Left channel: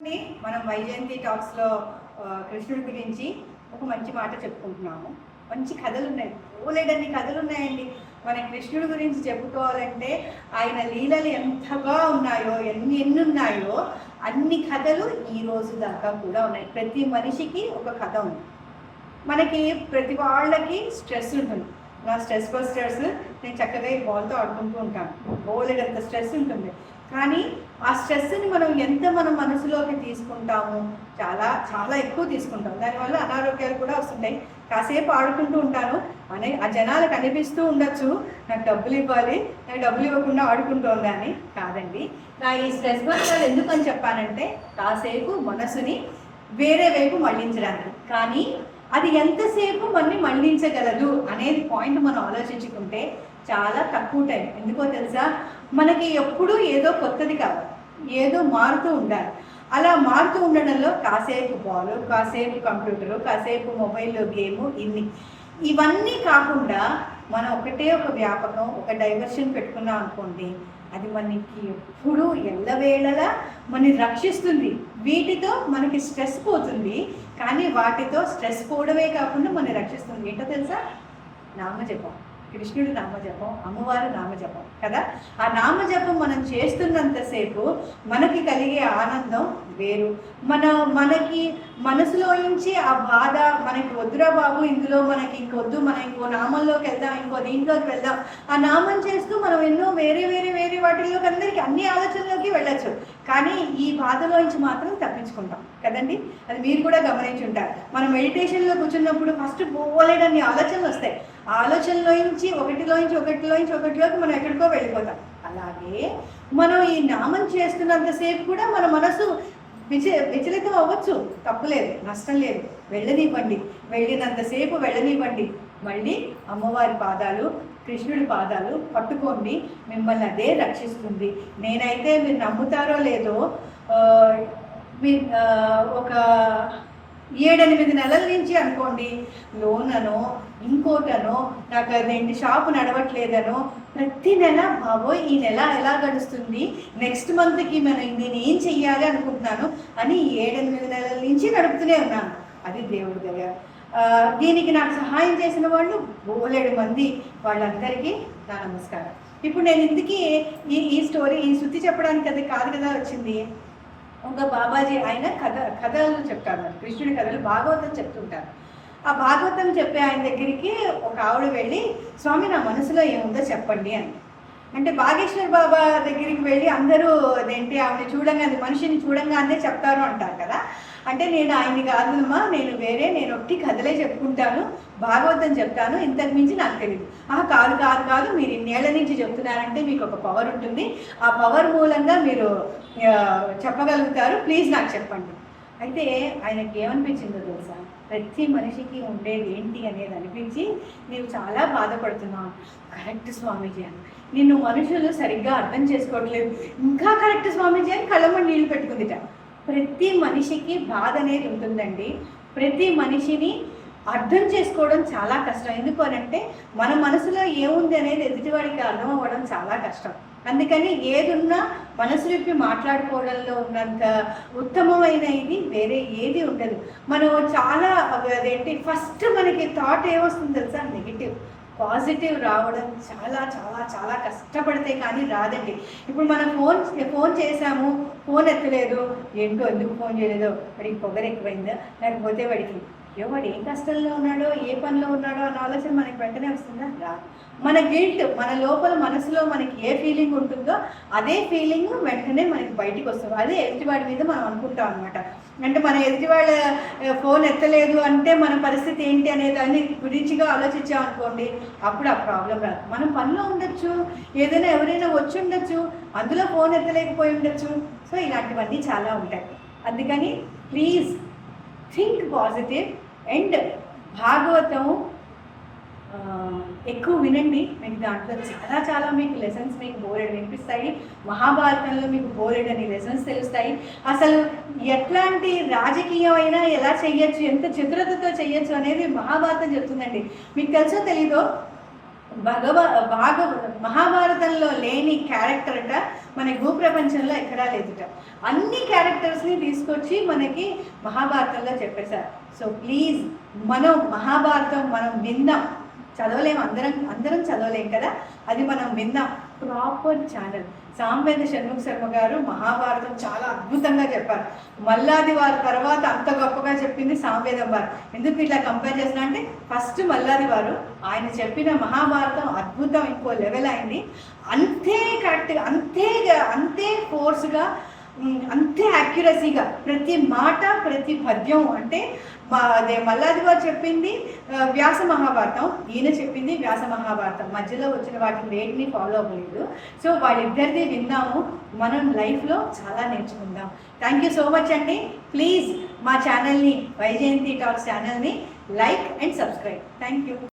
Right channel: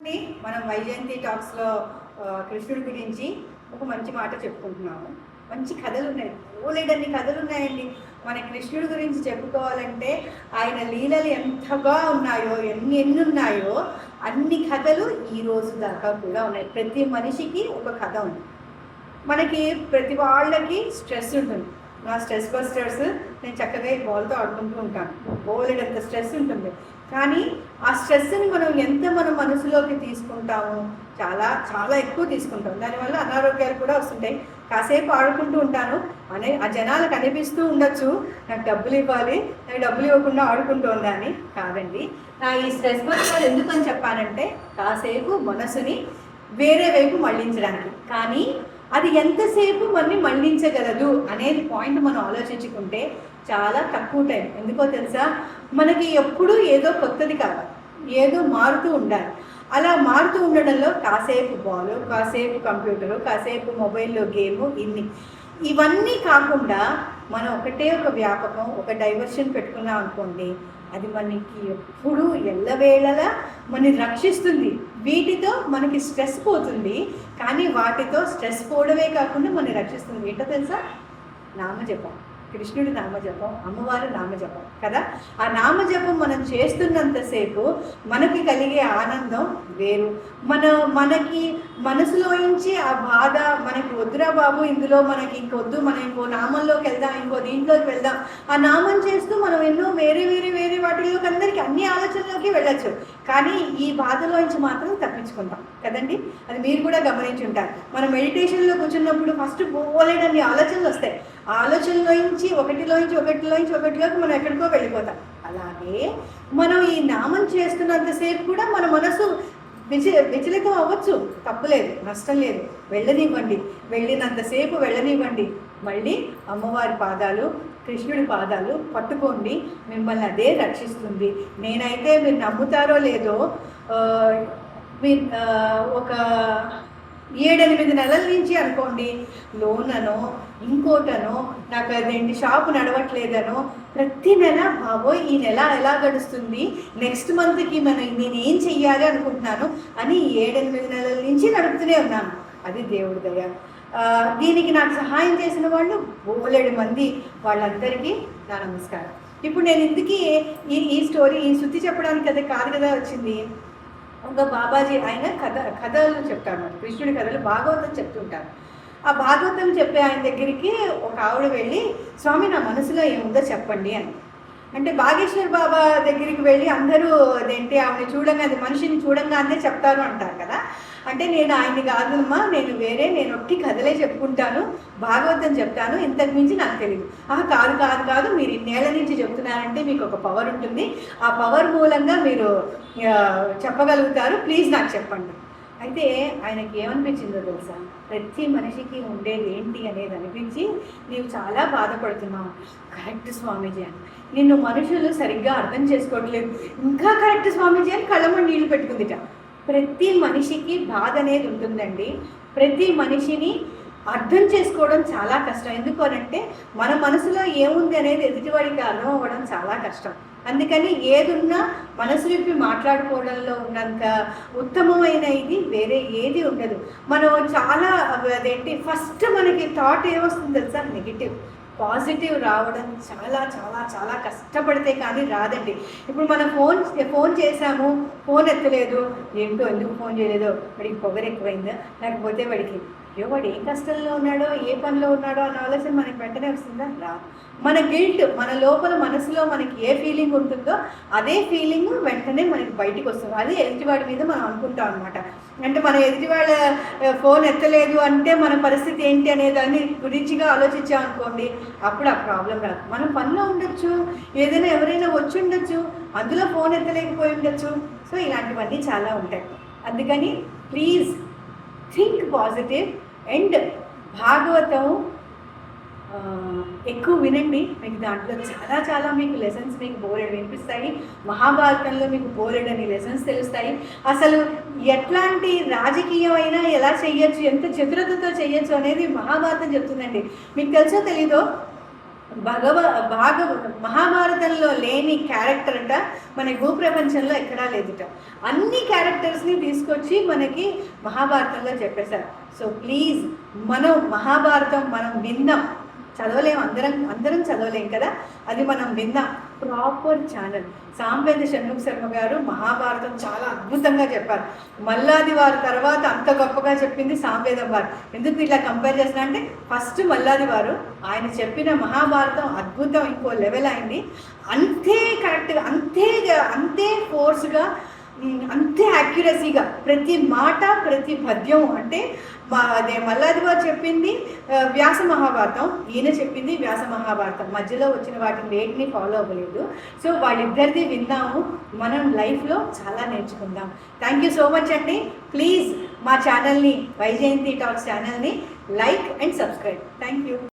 మనం వైజయంతి టాక్స్లో కృష్ణుడి గురించి ఒక మంచి మాట చెప్పుకుంటున్నాము. మంచి కథలు ఉన్నాయి, ఓలేడన్ని కథలు ఉన్నాయండి. మన కృష్ణుడి గురించి చెప్పుకోవాలంటే ఆయన లీలలు ఎంతగా ఉన్నాయో, ఎన్ని ఉన్నాయో అన్ని కథలు ఈ రోజు దాకా కూడా ఉన్నాయి. ప్రతి మనిషికి ఒక కథ ఉంది. మనకి ప్రతి వాళ్ళకి స్ట్రెస్ ఉంటుంది. నా స్ట్రెస్ బస్టర్స్ నేను చక్కగా బాల్తో ఆడుకుంటూ ఉంటాను. బోలెడంత స్ట్రెస్ ఉంటుంది. కానీ ఆ స్ట్రెస్ని మనం ఎంత మన మనసులోకి తీసుకుంటాము, చాలా చాలా ఎక్కువ తీసుకుంటాం. దానివల్ల అనారోగ్యాలు కూడా వస్తుంటాయి. కాసేపు ఆడుకుంటూ ఉంటాను అని ఆ జనాలకు అనిపిస్తూ ఉండొచ్చు, నాకు డబ్బులు ఇవ్వాలి, నేను డబ్బులు ఇవ్వకుండా ఆడుకుంటూ ఉందని. కాదండి, నా ఈ స్ట్రెస్ బస్టర్ ఎందుకని చెప్పానంటే కాసేపు మనసుని వేరే వైపు మళ్ళించడానికి. కానీ అది ఎంతసేపు మనని మళ్ళించగలదు అనేది పాయింట్ మనం ఆలోచించుకుంటే చాలా తక్కువ టైం. ఎందుకో తెలుసా, మనకి ఎప్పుడూ ఏదో కొత్తది కావాలి, ఏదో మారుతూ ఉండాలి. అలా మారుతూ ఉండడంలో కాసేపు బాల్, కాసేపు కంప్యూటరు, కాసేపు మొబైల్లో గేము, ఇవన్నీ కాకుండా మనం ఒకటే ఒక వ్యాపకం, ఒక డైవర్షన్ పెట్టుకున్నాం అనుకోండి, అది మనకి ఎప్పుడు ఎల్లవేళలా మనని రక్షిస్తుంది. వీటితో మనకి స్ట్రెస్ పోతుంది, కానీ వాటితో స్ట్రెస్ పోవడమే కాకుండా మనని రక్షిస్తుంది. ఏంటో తెలుసా? నామజపం. కృష్ణుడి నామజపం, అమ్మవారు నామజపం కదా. ఆ నామజపం మనం చేస్తున్నంతసేపు మనకి కలిగే ఆనందం వేరు. మనకి మనసులో నుంచి ఆ బాధ, మనకి వద్దురా బాబు, ఇందులో మనకి ఇంకొద్దు, మనం ఇంకో నామంలోకి వెళ్దాం, ఇంకో దీంట్లోకి వెళ్దాం. ఆ నామం చేస్తూ మనం ఎన్నో వేరే వేరే వేరే వాటిలోకి అందరికీ అన్ని ఆలోచనలోకి వెళ్ళచ్చు. కానీ ఈ బాధలోంచి మాత్రం తప్పించుకుంటాం కదండి. అది మీరు కూడా గమనించి ఉంటారు. మనం మెడిటేషన్లో కూర్చున్నప్పుడు ఫస్ట్ పోలేడన్ని ఆలోచనలు వస్తాయి. ఆ ఆలోచనలోంచి ఒకటిలోకి మనం ఎక్కడికో వెళ్ళిపోతాం. అలాగే మనం ఈ నామం చేస్తున్నంతసేపు కూడా మన మనసు విచలితం అవ్వచ్చు, తప్పులేదు, నష్టం లేదు. వెళ్ళినంతసేపు వెళ్ళనివ్వండి. మళ్ళీ అమ్మవారి పాదాలు, కృష్ణుడి పాదాలు పట్టుకోండి, మిమ్మల్ని అదే రక్షిస్తుంది. నేనైతే మీరు నమ్ముతారో లేదో, ఒక 7-8 నెలల నుంచి అనుకోండి, లోననో ఇంకోటనో, నాకు అదేంటి షాపు నడవట్లేదనో, ప్రతి నెల బాబోయ్ ఈ నెల ఎలా గడుస్తుంది, నెక్స్ట్ మంత్కి నేను ఏం చెయ్యాలి అనుకుంటున్నాను అని 7-8 నెలల నుంచి నడుపుతూనే ఉన్నాను. అది దేవుడి దయ. దీనికి నాకు సహాయం చేసిన వాళ్ళు బోలెడు మంది, వాళ్ళందరికీ నా నమస్కారం. ఇప్పుడు నేను ఇందుకీ ఈ స్టోరీ, ఈ శృతి చెప్పడానికి అది కాదు కదా వచ్చింది. ఒక బాబాజీ ఆయన కథలు చెప్తారు, కృష్ణుడి కథలు, భాగవతం చెప్తుంటారు. ఆ భాగవతం చెప్పే ఆయన దగ్గరికి ఒక ఆవిడ వెళ్ళి, స్వామి నా మనసులో ఏముందో చెప్పండి అని. అంటే బాగేశ్వర్ బాబా దగ్గరికి వెళ్ళి అందరూ అదేంటి ఆవిడ చూడంగానే, మనిషిని చూడంగానే చెప్తారు అంటారు కదా. అంటే నేను ఆయన్ని కాదమ్మా, నేను ఒట్టి కథలే చెప్పుకుంటాను, భాగవతం చెప్తాను, ఇంతకు మించి నాకు తెలియదు. కాదు, మీరు ఇన్నేళ్ల నుంచి చెప్తున్నారంటే మీకు ఒక పవర్ ఉంటుంది, ఆ పవర్ మూలంగా మీరు చెప్పగలుగుతారు, ప్లీజ్ నాకు చెప్పండి. అయితే ఆయనకి ఏమనిపించిందో తెలుసా, ప్రతి మనిషికి ఉండేది ఏంటి అనేది అనిపించి, నీవు చాలా బాధపడుతున్నావు. కరెక్ట్ స్వామీజీ అని, నిన్ను మనుషులు సరిగ్గా అర్థం చేసుకోవట్లేదు. ఇంకా కరెక్ట్ స్వామీజీ అని కళ్ళమని నీళ్ళు పెట్టుకుందిట. ప్రతి మనిషికి బాధ అనేది ఉంటుందండి. ప్రతి మనిషిని అర్థం చేసుకోవడం చాలా కష్టం. ఎందుకు అనంటే మన మనసులో ఏముంది అనేది ఎదుటివాడికి అర్థం అవ్వడం చాలా కష్టం. అందుకని ఏదున్నా మనసు విప్పి మాట్లాడుకోవడంలో ఉన్నంత ఉత్తమమైన ఇది వేరే ఏది ఉండదు. మనం చాలా ఫస్ట్ మనకి థాట్ ఏమొస్తుంది తెలుసా, నెగిటివ్. పాజిటివ్ రావడం చాలా చాలా చాలా కష్టపడితే కానీ రాదండి. ఇప్పుడు మనం ఫోన్ చేసాము, ఫోన్ ఎత్తలేదు, ఏంటో ఎందుకు ఫోన్ చేయలేదో, వాడికి పొగరు ఎక్కువైందా, లేకపోతే వాడికి అయ్యో వాడు ఏ కష్టంలో ఉన్నాడో, ఏ పనిలో ఉన్నాడో అన్న ఆలోచన మనకి వెంటనే వస్తుందా? రా. మన గిల్ట్, మన లోపల మనసులో మనకి ఏ ఫీలింగ్ ఉంటుందో అదే ఫీలింగ్ వెంటనే మనకి బయటికి వస్తుంది. అదే ఎదుటివాడి మీద మనం అనుకుంటాం అనమాట. అంటే మన ఎదుటివాళ్ళ ఫోన్ ఎత్తలేదు అంటే మన పరిస్థితి ఏంటి అనే దాన్ని గురించిగా ఆలోచించాం అనుకోండి, అప్పుడు ఆ ప్రాబ్లం రాదు. మనం పనిలో ఉండొచ్చు, ఏదైనా ఎవరైనా వచ్చి ఉండొచ్చు, అందులో ఫోన్ ఎత్తలేకపోయి ఉండొచ్చు. సో ఇలాంటివన్నీ చాలా ఉంటాయి. అందుకని please think positive. And Bhagavatam ఎక్కువ వినండి, మీకు దాంట్లో చాలా చాలా మీకు లెసన్స్ మీకు బోలెడు వినిపిస్తాయి. మహాభారతంలో మీకు బోలెడని లెసన్స్ తెలుస్తాయి. అసలు ఎట్లాంటి రాజకీయమైనా ఎలా చెయ్యొచ్చు, ఎంత చతురతతో చెయ్యొచ్చు అనేది మహాభారతం చెప్తుందండి. మీకు తెలుసో తెలీదో, భాగ మహాభారతంలో లేని క్యారెక్టర్ అట మన భూప్రపంచంలో ఎక్కడా లేదుట. అన్ని క్యారెక్టర్స్ని తీసుకొచ్చి మనకి మహాభారతంలో చెప్పేశారు. సో ప్లీజ్ మనం మహాభారతం మనం విందాం. చదవలేం, అందరం చదవలేం కదా, అది మనం విందాం. Proper channel. సాంబేద షణ్ముఖ శర్మ గారు మహాభారతం చాలా అద్భుతంగా చెప్పారు. మల్లాది వారి తర్వాత అంత గొప్పగా చెప్పింది సాంబేదం వారు. ఎందుకు ఇట్లా కంపేర్ చేసిన అంటే ఫస్ట్ మల్లాది వారు, ఆయన చెప్పిన మహాభారతం అద్భుతం, ఇంకో లెవెల్ అయింది. అంతే కరెక్ట్గా, అంతే ఫోర్స్గా, అంతే యాక్యురసీగా ప్రతి మాట ప్రతి పద్యం. అంటే అదే మల్లాది వారు చెప్పింది వ్యాస మహాభారతం, ఈయన చెప్పింది వ్యాస మహాభారతం. మధ్యలో వచ్చిన వాటిని వేటిని ఫాలో అవ్వలేదు. సో వాళ్ళిద్దరిది విన్నాము, మనం లైఫ్లో చాలా నేర్చుకుందాం. థ్యాంక్ యూ సో మచ్ అండి. ప్లీజ్ మా ఛానల్ని, వైజయంతి టాక్స్ ఛానల్ని like and subscribe. Thank you.